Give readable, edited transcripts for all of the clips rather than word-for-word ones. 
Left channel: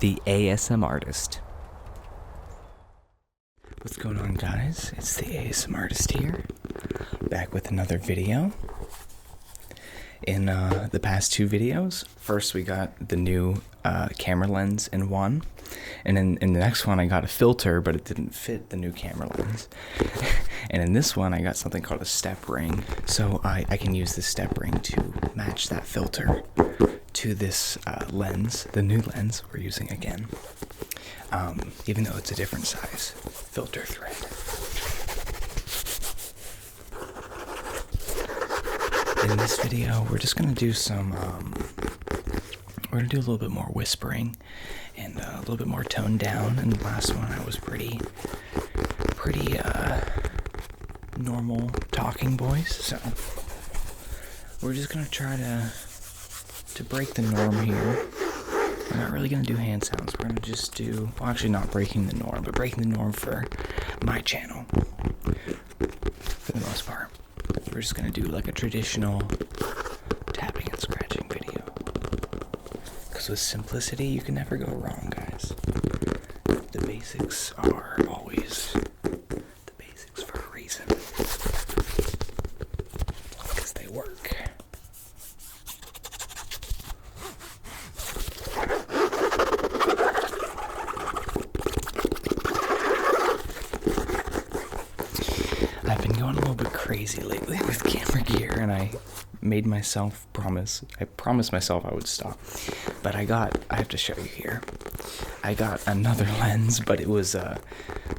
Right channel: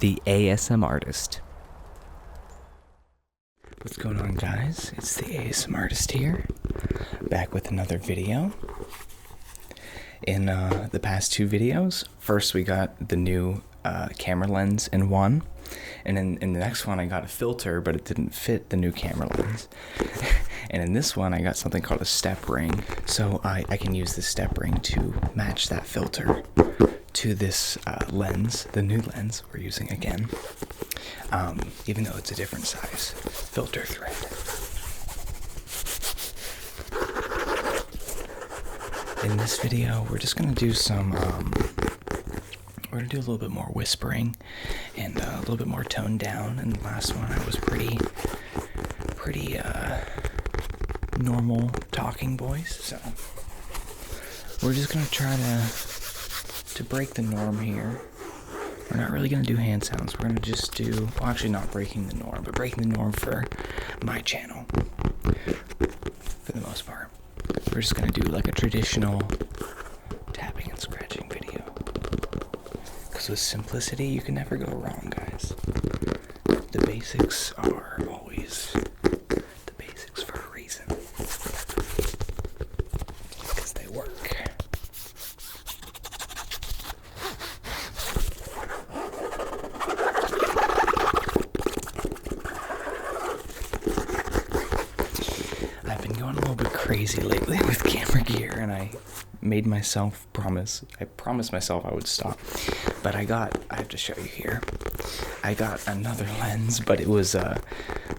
the ASMARtist. What's going on, guys? It's the ASMARtist here, back with another video. In the past two videos, first we got the new camera lens in one, and in the next one I got a filter, but it didn't fit the new camera lens. And in this one I got something called a step ring, so I can use this step ring to match that filter to this lens, the new lens we're using again, even though it's a different size filter thread. In this video, we're just gonna do some, we're gonna do a little bit more whispering and a little bit more toned down. In the last one, I was pretty normal talking voice, so we're just gonna try to break the norm here. We're not really gonna do hand sounds. We're gonna just do, well, actually not breaking the norm, but breaking the norm for my channel, for the most part. We're just gonna do like a traditional tapping and scratching video. Because with simplicity, you can never go wrong, guys. The basics are always the basics for a reason. Because they work. I've been going a little bit crazy lately with camera gear, and I made myself promise. I promised myself I would stop, but I have to show you here. I got another lens, but it was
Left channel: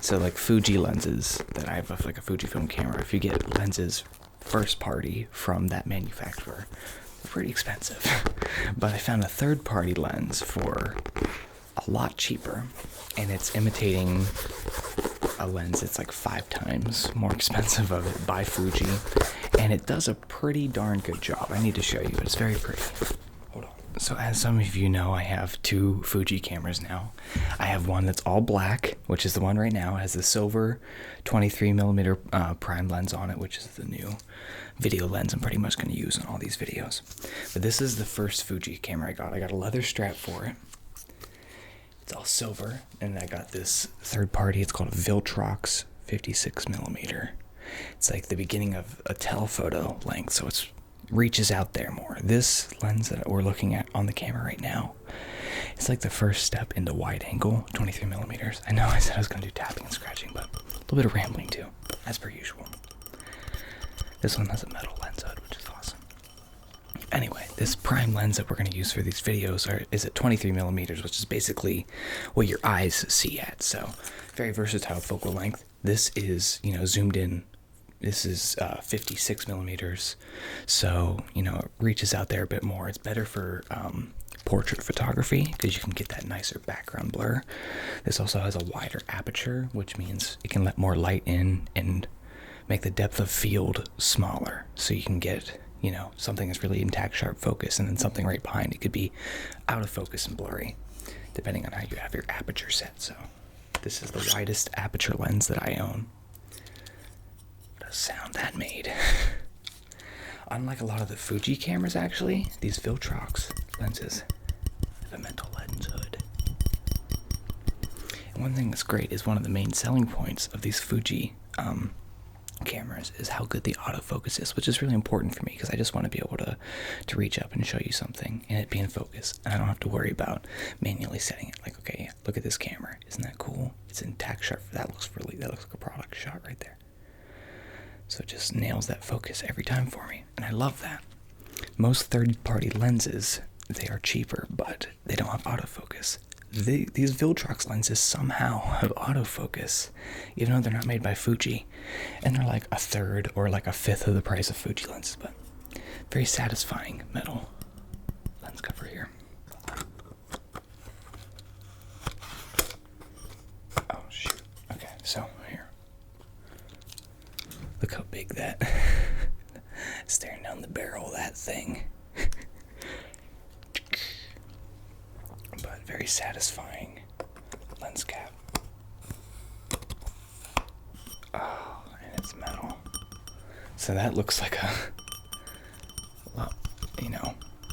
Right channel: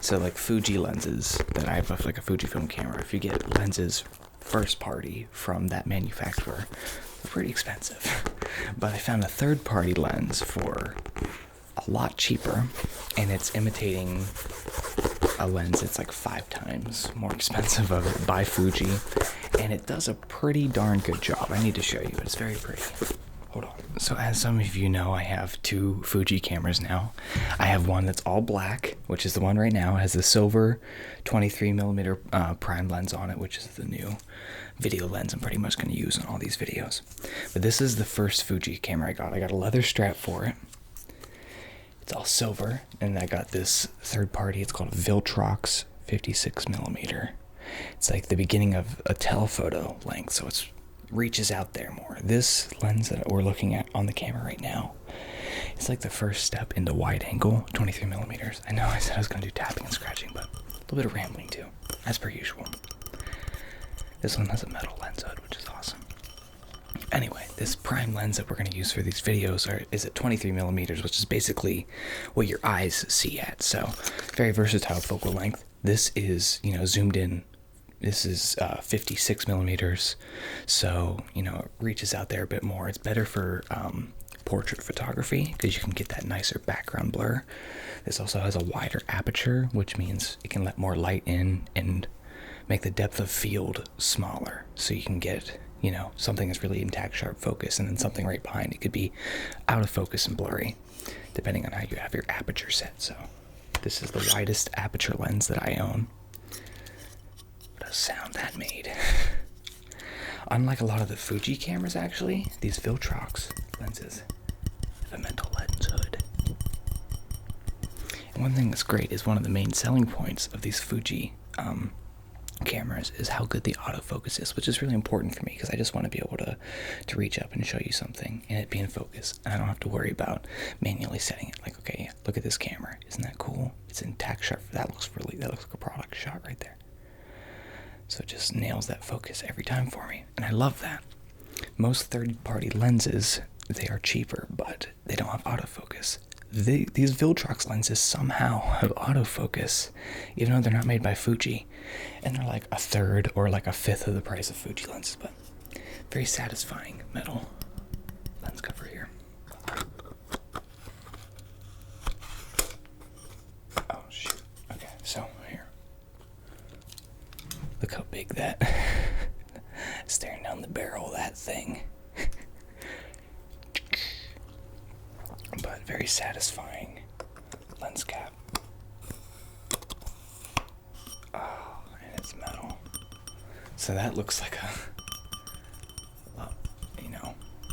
so like Fuji lenses that I have, like a Fujifilm camera. If you get lenses first party from that manufacturer, they're pretty expensive. But I found a third party lens for a lot cheaper, and it's imitating a lens that's like 5 times more expensive of it by Fuji, and it does a pretty darn good job. I need to show you. It's very pretty. Hold on. So as some of you know, I have 2 Fuji cameras now. I have one that's all black, which is the one right now. It has the silver 23mm prime lens on it, which is the new video lens I'm pretty much going to use in all these videos. But this is the first Fuji camera I got. I got a leather strap for it. It's all silver, and I got this third party. It's called a Viltrox 56mm. It's like the beginning of a telephoto length, so it reaches out there more. This lens that we're looking at on the camera right now, it's like the first step into wide angle 23mm. I know I said I was going to do tapping and scratching, but a little bit of rambling too, as per usual. This one has a metal lens hood, which is awesome. Anyway, this prime lens that we're going to use for these videos is at 23mm, which is basically what your eyes see at. So, very versatile focal length. This is, zoomed in. This is 56mm, so, it reaches out there a bit more. It's better for portrait photography because you can get that nicer background blur. This also has a wider aperture, which means it can let more light in and make the depth of field smaller, so you can get something that's really intact, sharp focus, and then something right behind it could be out of focus and blurry, depending on how you have your aperture set. So this is the widest aperture lens that I own. What a sound that made. Unlike a lot of the Fuji cameras, actually, these Viltrox lenses have a metal lens hood. And one thing that's great is one of the main selling points of these Fuji cameras is how good the autofocus is, which is really important for me because I just want to be able to reach up and show you something and it be in focus, and I don't have to worry about manually setting it. Like, okay, yeah, look at this camera, isn't that cool? It's intact sharp. That looks like a product shot right there. So it just nails that focus every time for me, and I love that. Most third-party lenses, they are cheaper, but they don't have autofocus. These Viltrox lenses somehow have autofocus, even though they're not made by Fuji, and they're like a third or like a fifth of the price of Fuji lenses, but very satisfying metal lens cover here. Oh shoot, okay, so here. Look how big that, staring down the barrel of that thing. But very satisfying lens cap. Oh, and it's metal. So that looks like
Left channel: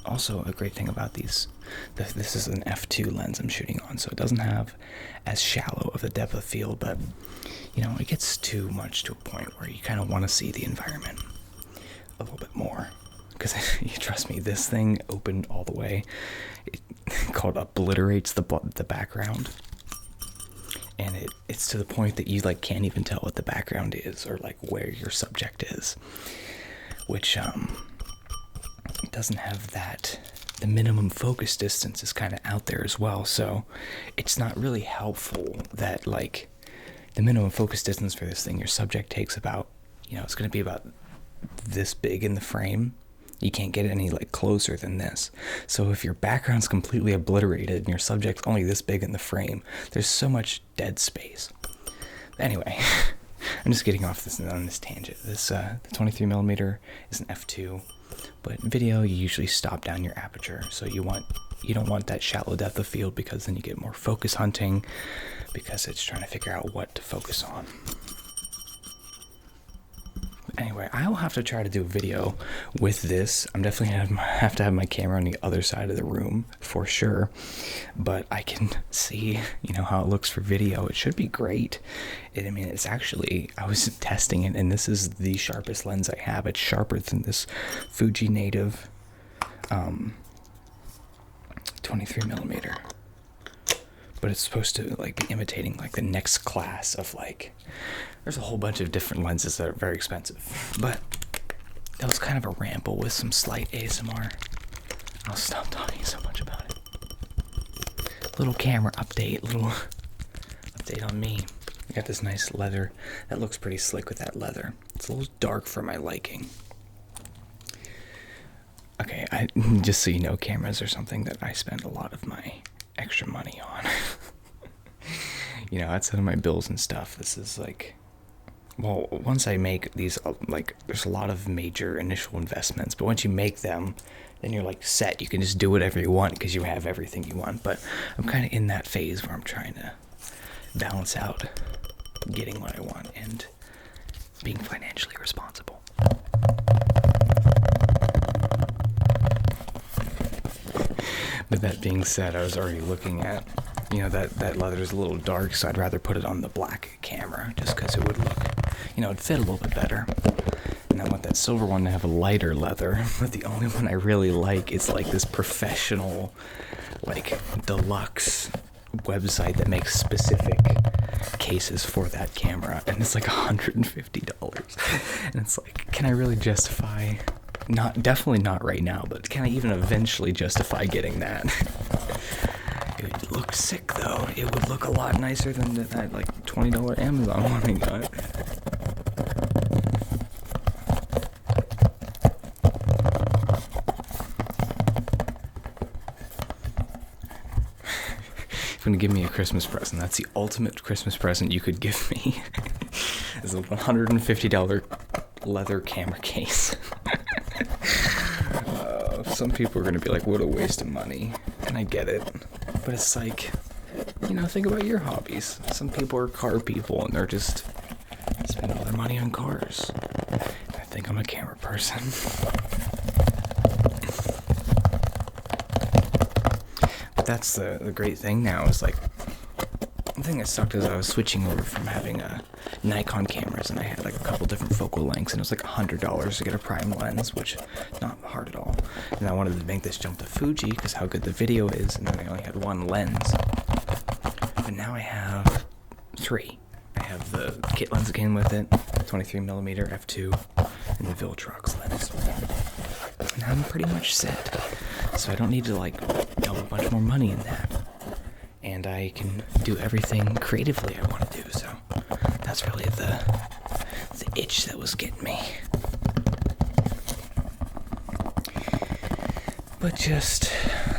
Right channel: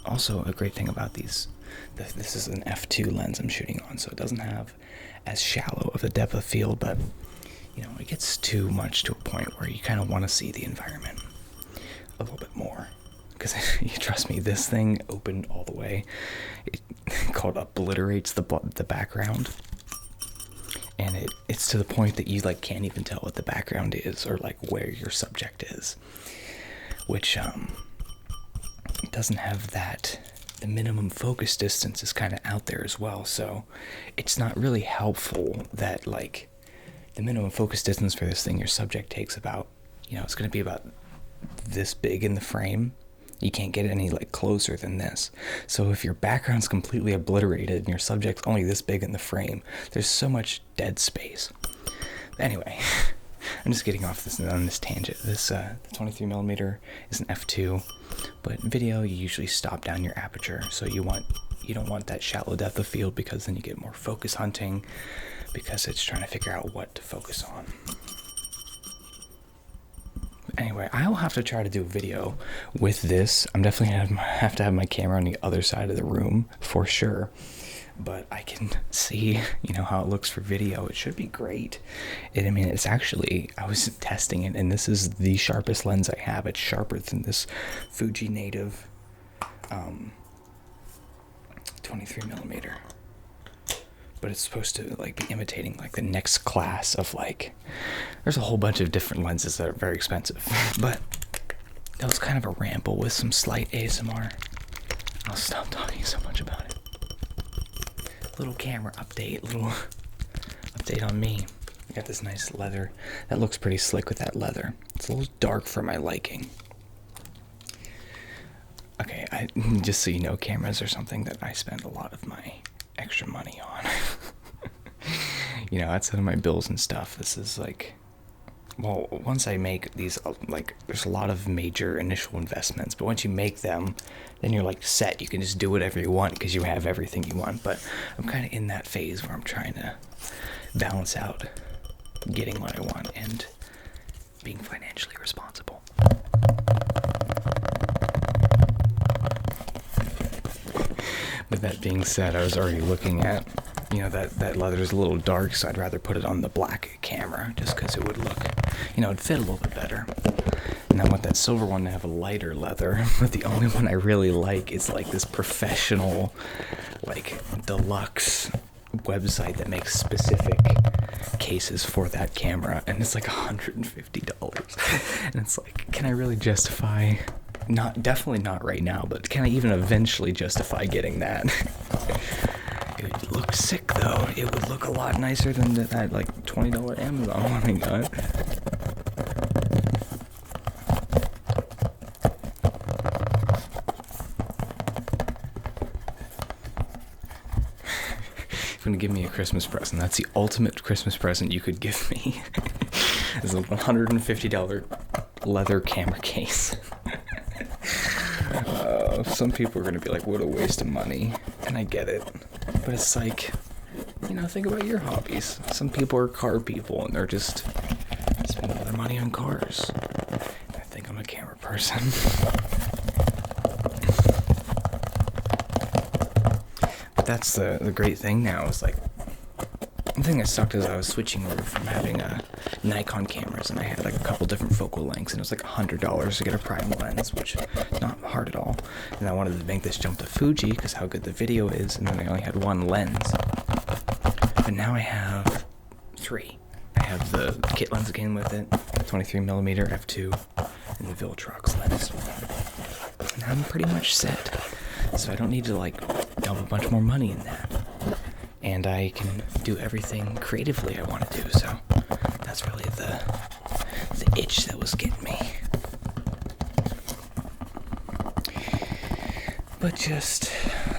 also a great thing about these This is an f2 lens I'm shooting on, so it doesn't have as shallow of a depth of field, but it gets too much to a point where you kind of want to see the environment a little bit more. Because you trust me, this thing opened all the way. It called obliterates the background, and it's to the point that you can't even tell what the background is or where your subject is, which it doesn't have that. The minimum focus distance is kind of out there as well, so it's not really helpful that the minimum focus distance for this thing, your subject takes about, it's going to be about this big in the frame. You can't get any closer than this. So if your background's completely obliterated and your subject's only this big in the frame, there's so much dead space. Anyway, I'm just getting off on this tangent. This the 23mm is an f2, but video you usually stop down your aperture. So you don't want that shallow depth of field, because then you get more focus hunting, because it's trying to figure out what to focus on. Anyway, I'll have to try to do a video with this. I'm definitely going to have to have my camera on the other side of the room for sure. But I can see, how it looks for video. It should be great. It's actually, I was testing it, and this is the sharpest lens I have. It's sharper than this Fuji Native 23mm. But it's supposed to be imitating the next class of there's a whole bunch of different lenses that are very expensive. But that was kind of a ramble with some slight ASMR. I'll stop talking so much about it. Little camera update, little update on me. I got this nice leather. That looks pretty slick with that leather. It's a little dark for my liking. Okay, just so you know, cameras are something that I spend a lot of my extra money on. Outside of my bills and stuff, this is once I make these, there's a lot of major initial investments, but once you make them, then you're set. You can just do whatever you want because you have everything you want. But I'm kind of in that phase where I'm trying to balance out getting what I want and being financially responsible. But that being said, I was already looking at, that leather is a little dark, so I'd rather put it on the black camera just because it would look, it'd fit a little bit better. And I want that silver one to have a lighter leather, but the only one I really like is this professional, deluxe website that makes specific cases for that camera, and it's $150. And it's can I really justify... Definitely not right now, but can I even eventually justify getting that? It would look sick, though. It would look a lot nicer than that $20 Amazon one I got. If you're gonna give me a Christmas present, that's the ultimate Christmas present you could give me. It's a $150 leather camera case. Some people are going to be what a waste of money, and I get it, but it's think about your hobbies. Some people are car people, and they're just spend all their money on cars. I think I'm a camera person. But that's the great thing now is the thing that sucked is I was switching over from having Nikon cameras, and I had a couple different focal lengths, and it was $100 to get a prime lens, which is not hard at all. And I wanted to make this jump to Fuji because how good the video is, and then I only had one lens. But now I have three. I have the kit lens that came with it, 23mm f2, and the Viltrox lens. And I'm pretty much set, so I don't need to dump a bunch more money in that. And I can do everything creatively I want to do, so that's really the itch that was getting me. But just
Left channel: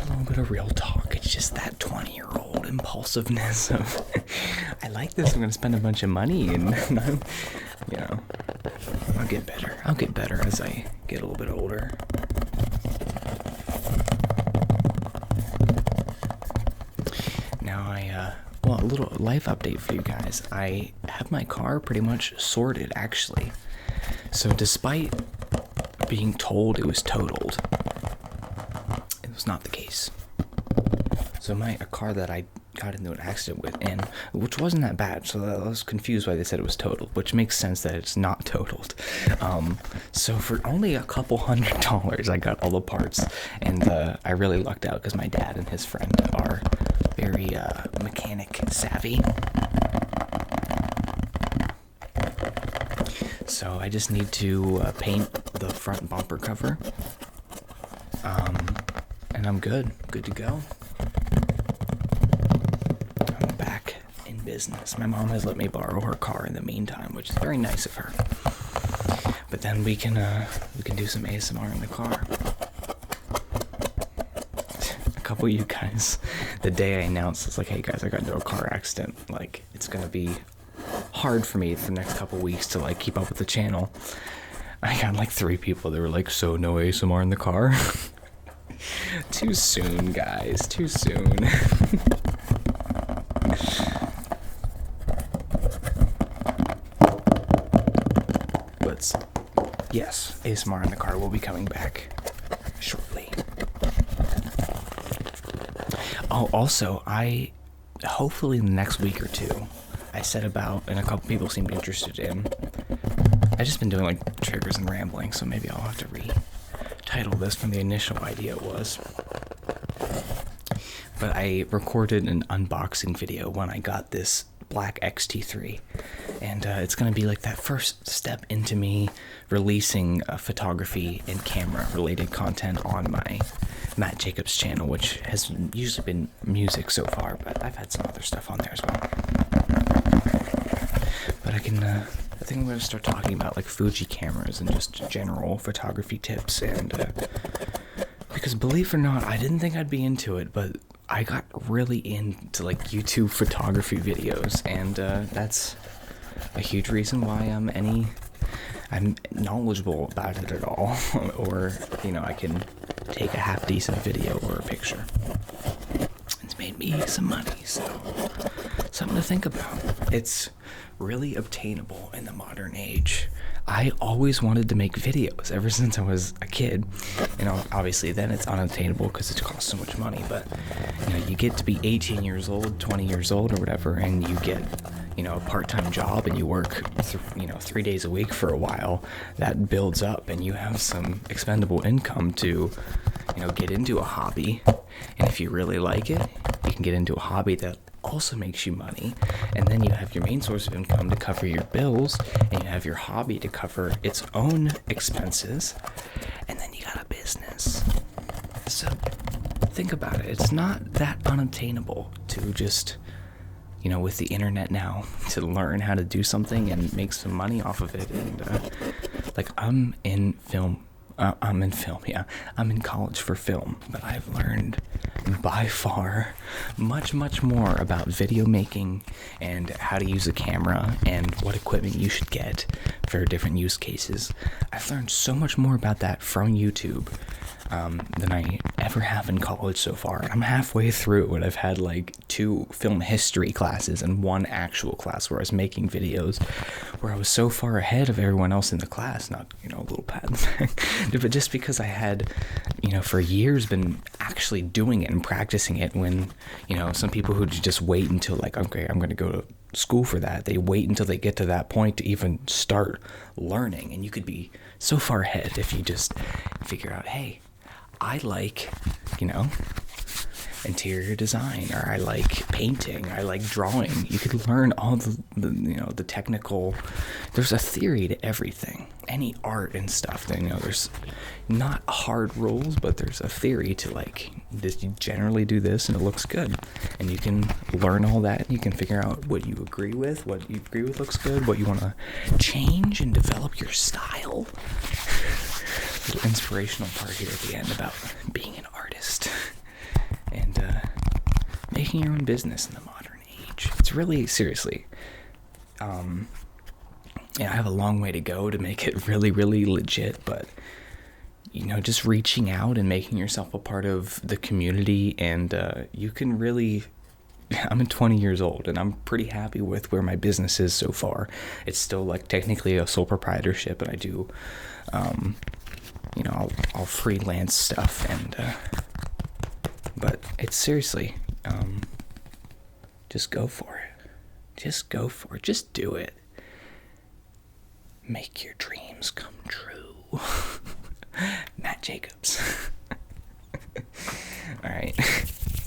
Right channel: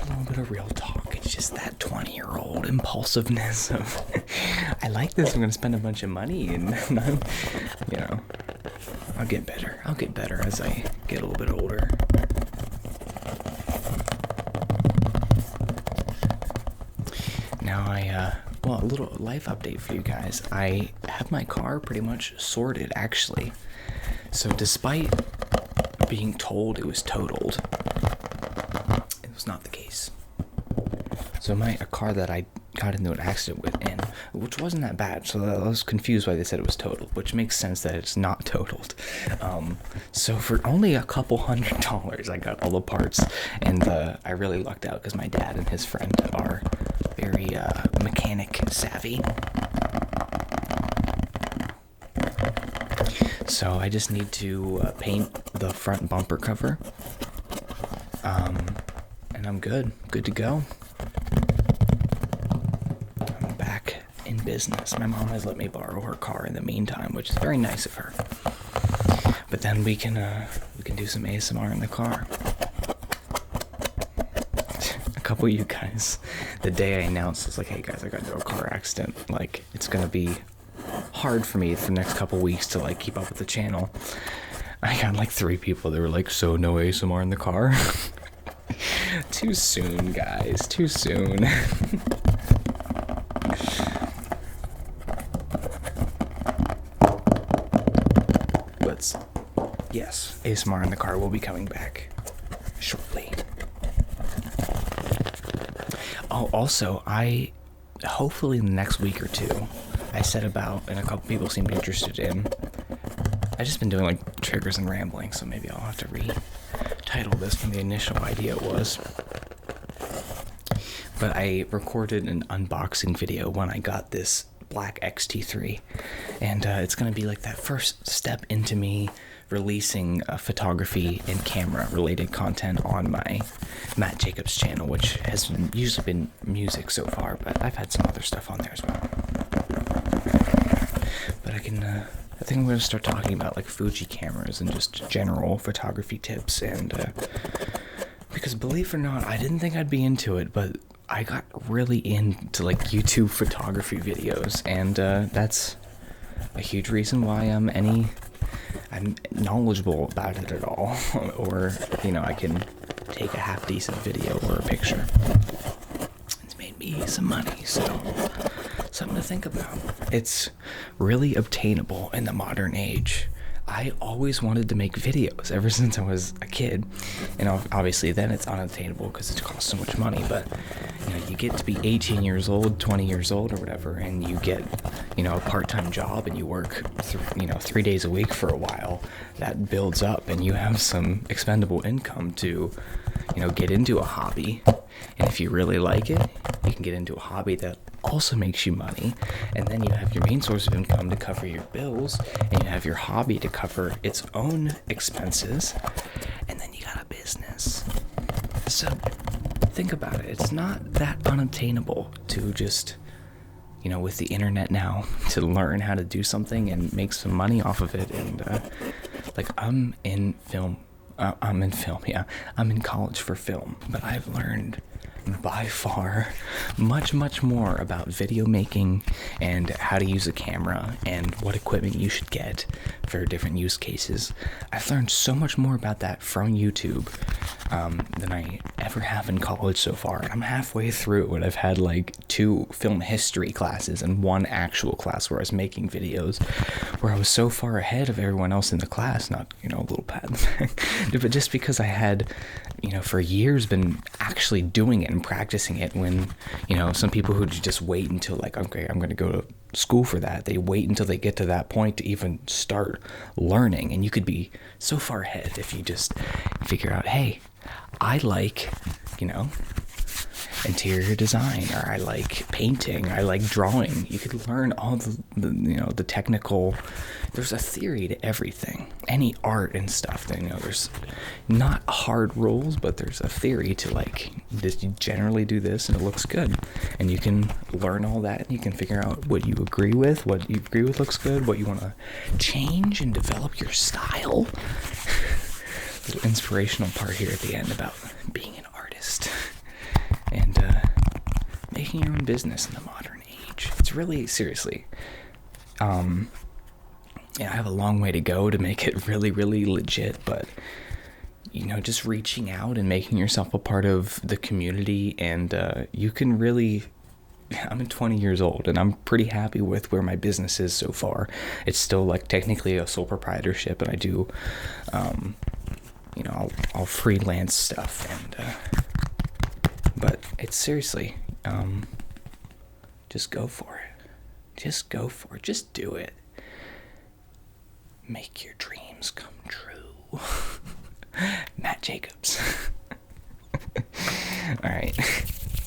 a little bit of real talk. It's just that 20-year-old impulsiveness of, I like this, I'm going to spend a bunch of money, and I'll get better. I'll get better as I get a little bit older. Now a little life update for you guys. I have my car pretty much sorted, actually. So despite being told it was totaled, it was not the case. So a car that I got into an accident with, and which wasn't that bad, so I was confused why they said it was totaled, which makes sense that it's not totaled. So for only a couple $100, I got all the parts, and I really lucked out because my dad and his friend are very mechanic savvy. So I just need to paint the front bumper cover, and I'm good to go. I'm back in business. My mom has let me borrow her car in the meantime, which is very nice of her. But then we can do some ASMR in the car. A couple of you guys, the day I announced, it's like, hey guys, I got into a car accident. Like, it's gonna be hard for me for the next couple weeks to like keep up with the channel. I got like 3 people that were like, so no ASMR in the car? Too soon, guys, too soon. But yes, ASMR in the car will be coming back shortly. Oh, also, hopefully in the next week or 2, I said about, and a couple people seemed interested in, I've just been doing like triggers and rambling, so maybe I'll have to retitle this from the initial idea it was. But I recorded an unboxing video when I got this black XT3, and it's going to be like that first step into me releasing photography and camera related content on my Matt Jacobs channel, which has usually been music so far, but I've had some other stuff on there as well. But I think I'm going to start talking about like Fuji cameras and just general photography tips, and because believe it or not, I didn't think I'd be into it, but I got really into like YouTube photography videos, and that's a huge reason why I'm knowledgeable about it at all, or I can take a half decent video or a picture. It's made me some money, so something to think about. It's really obtainable in the modern age. I always wanted to make videos ever since I was a kid, and obviously then it's unattainable because it costs so much money, but you get to be 18 years old, 20 years old or whatever, and you get a part-time job and you work 3 days a week for a while. That builds up and you have some expendable income to get into a hobby, and if you really like it, you can get into a hobby that also makes you money, and then you have your main source of income to cover your bills, and you have your hobby to cover its own expenses, and then you got a business. So think about it. It's not that unattainable to just with the internet now, to learn how to do something and make some money off of it. And I'm in college for film, but I've learned by far much more about video making and how to use a camera and what equipment you should get for different use cases. I've learned so much more about that from YouTube than I ever have in college so far. I'm halfway through it. I've had like 2 film history classes and 1 actual class where I was making videos, where I was so far ahead of everyone else in the class, not, a little pat on the back, but just because I had, for years been actually doing it and practicing it, when, some people who just wait until like, okay, I'm going to go to school for that. They wait until they get to that point to even start learning. And you could be so far ahead if you just figure out, hey, I like, interior design, or I like painting, I like drawing. You could learn all the technical. There's a theory to everything, any art and stuff. There's not hard rules, but there's a theory to like this. You generally do this, and it looks good, and you can learn all that, and you can figure out what you agree with, looks good, what you want to change and develop your style. Little inspirational part here at the end about being an artist and making your own business in the modern age. It's really, seriously, I have a long way to go to make it really, really legit, but just reaching out and making yourself a part of the community, and you can really. I'm 20 years old, and I'm pretty happy with where my business is so far. It's still like technically a sole proprietorship, and I do I'll freelance stuff, and but it's seriously, just go for it. Just go for it. Just do it. Make your dreams come true. Matt Jacobs. Alright,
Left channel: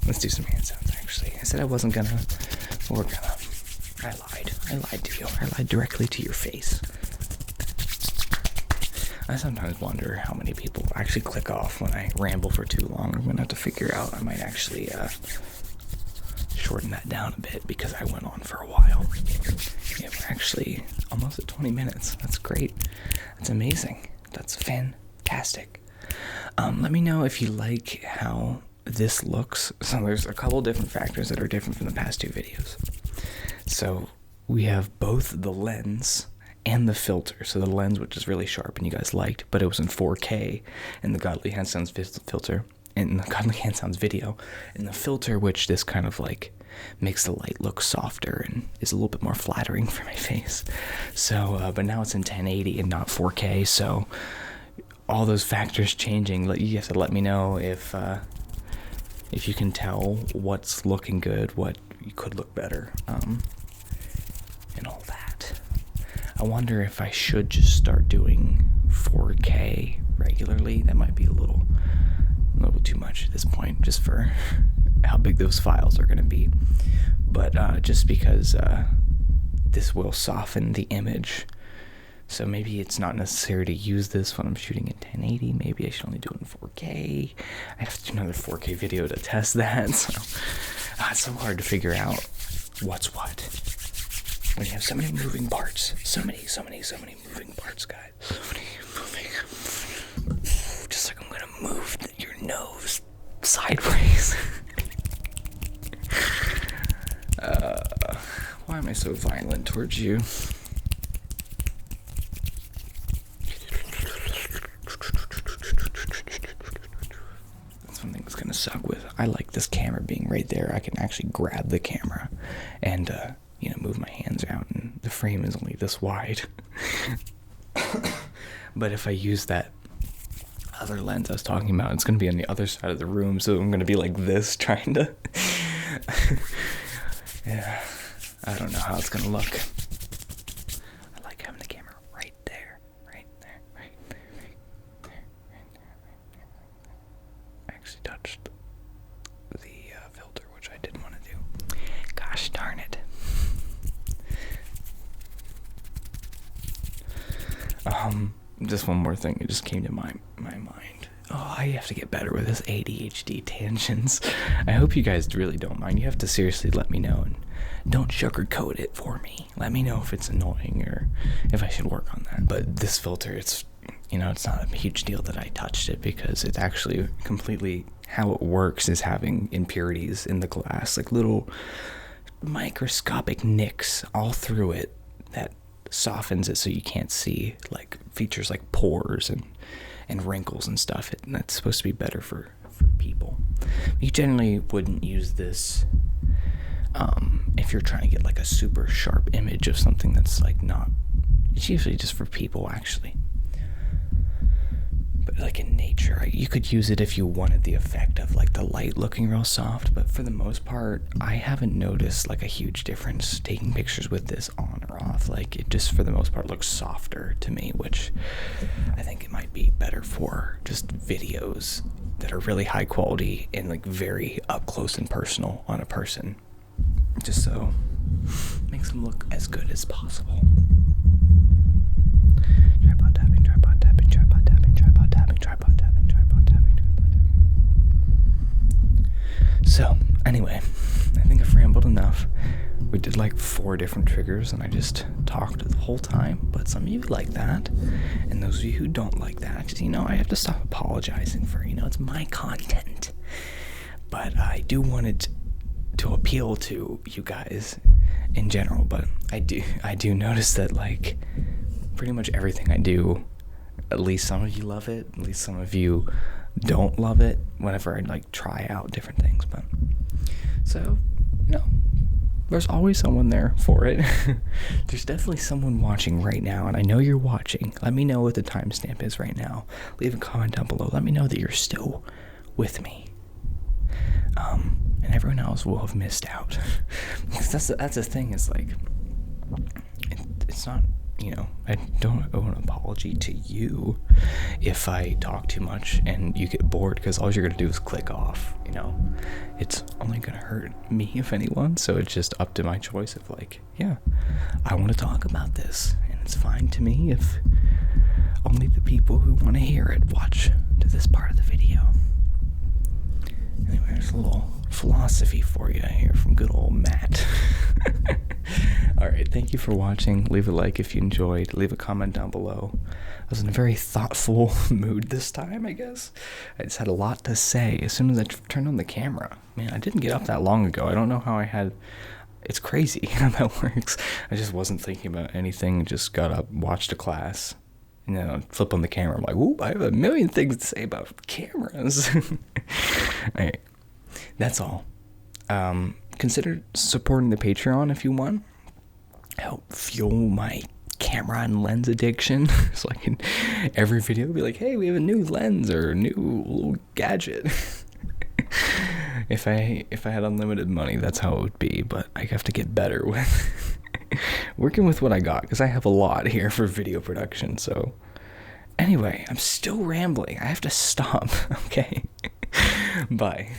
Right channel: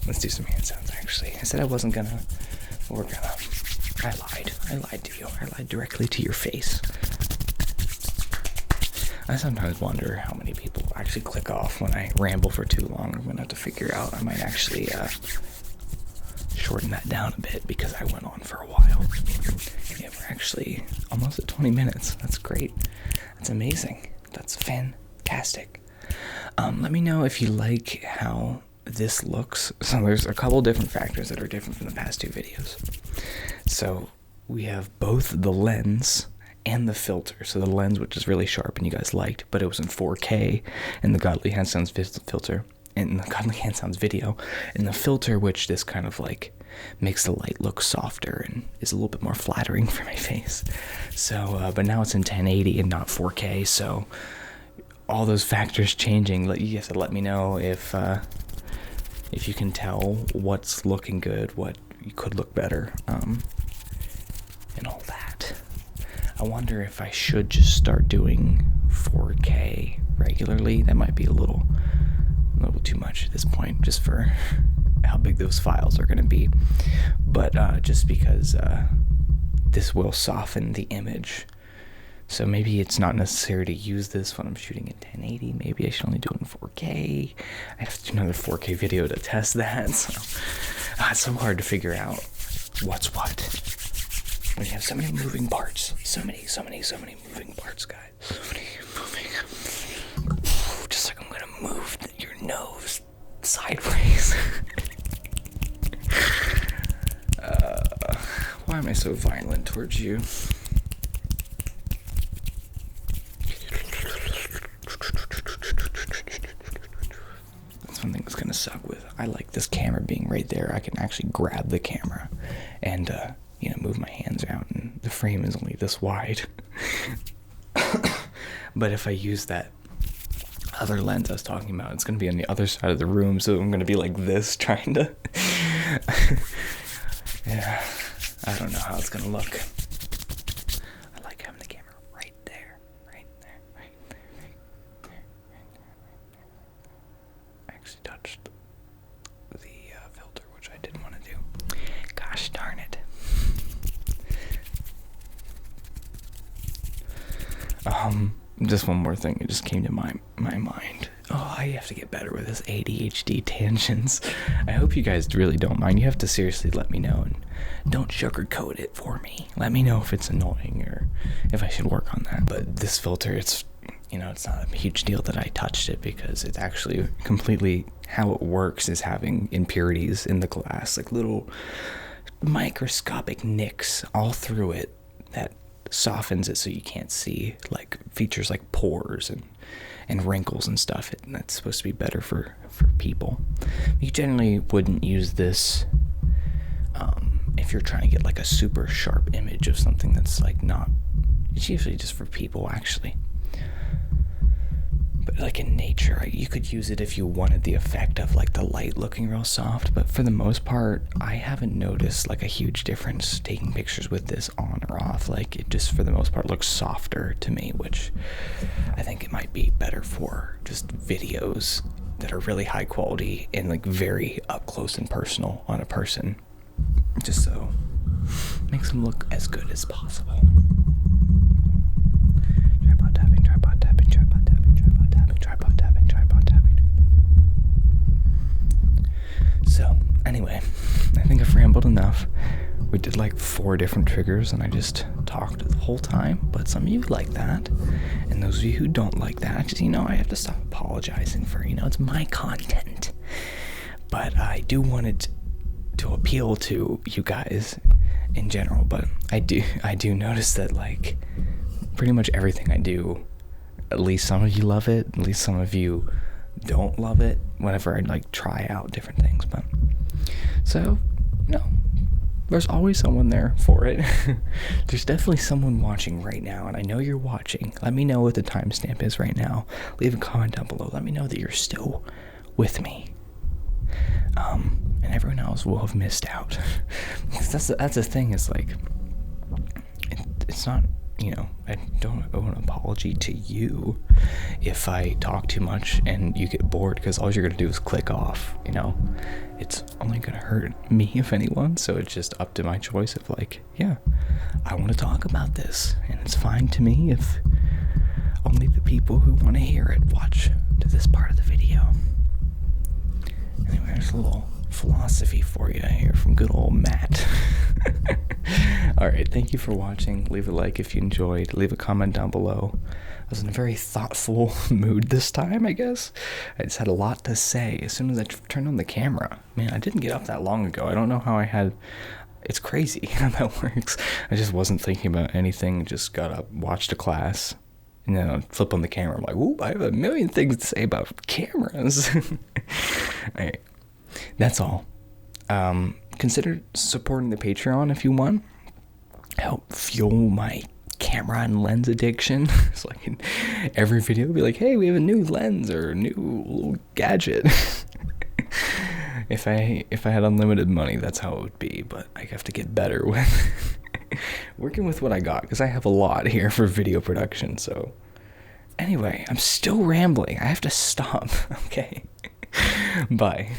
let's do some hand sounds, actually. I said I wasn't gonna, but we're gonna. I lied. I lied to you. I lied directly to your face. I sometimes wonder how many people actually click off when I ramble for too long. I'm gonna have to figure out. I might actually shorten that down a bit because I went on for a while. Yeah, we're actually almost at 20 minutes. That's great. That's amazing. That's fantastic. Let me know if you like how this looks. So there's a couple different factors that are different from the past two videos. So we have both the lens and the filter. So the lens, which is really sharp and you guys liked, but it was in 4K, and the Godly Hand Sounds filter, and the Godly Hand Sounds video, and the filter, which this kind of like makes the light look softer and is a little bit more flattering for my face. So, but now it's in 1080 and not 4K. So all those factors changing, you have to let me know if you can tell what's looking good, what you could look better, and all that. I wonder if I should just start doing 4K regularly. That might be a little too much at this point, just for how big those files are going to be. But just because this will soften the image. So maybe it's not necessary to use this when I'm shooting in 1080. Maybe I should only do it in 4K. I have to do another 4K video to test that. So it's so hard to figure out what's what when you have so many moving parts. So many moving parts, guys. So many moving. Just like I'm gonna move your nose sideways. Why am I so violent towards you? That's one thing that's gonna suck with. I like this camera being right there. I can actually grab the camera and move my hands out, and the frame is only this wide. But if I use that other lens I was talking about, it's gonna be on the other side of the room, so I'm gonna be like this, trying to yeah, I don't know how it's gonna look. I like having the camera right there. I actually touched the filter, which I didn't want to do. Gosh darn it. Just one more thing, it just came to my mind. Oh, I have to get better with this ADHD tangents. I hope you guys really don't mind. You have to seriously let me know, and don't sugarcoat it for me. Let me know if it's annoying or if I should work on that. But this filter, it's not a huge deal that I touched it, because it's actually completely how it works is having impurities in the glass, like little microscopic nicks all through it that softens it so you can't see, like features like pores and wrinkles and stuff. And that's supposed to be better for people. You generally wouldn't use this if you're trying to get like a super sharp image of something that's like not. It's usually just for people, actually. But like in nature, you could use it if you wanted the effect of like the light looking real soft. But for the most part, I haven't noticed like a huge difference taking pictures with this on or off. Like it just for the most part looks softer to me, which I think it might be better for just videos that are really high quality and like very up close and personal on a person. Just so it makes them look as good as possible. Tripod tapping, tripod tapping, tripod tapping, tripod tapping, tripod tapping, tripod tapping, tripod tapping. So, anyway, I think I've rambled enough. We did like 4 different triggers and I just talked the whole time, but some of you like that. And those of you who don't like that, just, I have to stop apologizing for, it's my content. But I do want it to appeal to you guys in general, but I do notice that like pretty much everything I do, at least some of you love it, at least some of you don't love it whenever I like try out different things. But so there's always someone there for it. There's definitely someone watching right now, and I know you're watching. Let me know what the timestamp is right now. Leave a comment down below. Let me know that you're still with me. and everyone else will have missed out. Because that's the thing, is like, it's not, I don't owe an apology to you if I talk too much and you get bored, because all you're gonna do is click off. It's only gonna hurt me, if anyone. So it's just up to my choice of like, yeah, I want to talk about this, and it's fine to me if only the people who want to hear it watch to this part of the video. Anyway, there's a little philosophy for you here from good old Matt. Alright, thank you for watching. Leave a like if you enjoyed. Leave a comment down below. I was in a very thoughtful mood this time, I guess. I just had a lot to say as soon as I turned on the camera. Man, I didn't get up that long ago. I don't know how I had... It's crazy how that works. I just wasn't thinking about anything. Just got up, watched a class, and then I'd flip on the camera. I'm like, whoop, I have a million things to say about cameras. Alright, that's all. Consider supporting the Patreon if you want. Help fuel my camera and lens addiction. So I can every video be like, hey, we have a new lens or a new little gadget. If I had unlimited money, that's how it would be, but I have to get better with working with what I got, because I have a lot here for video production. So anyway, I'm still rambling. I have to stop. Okay. Bye.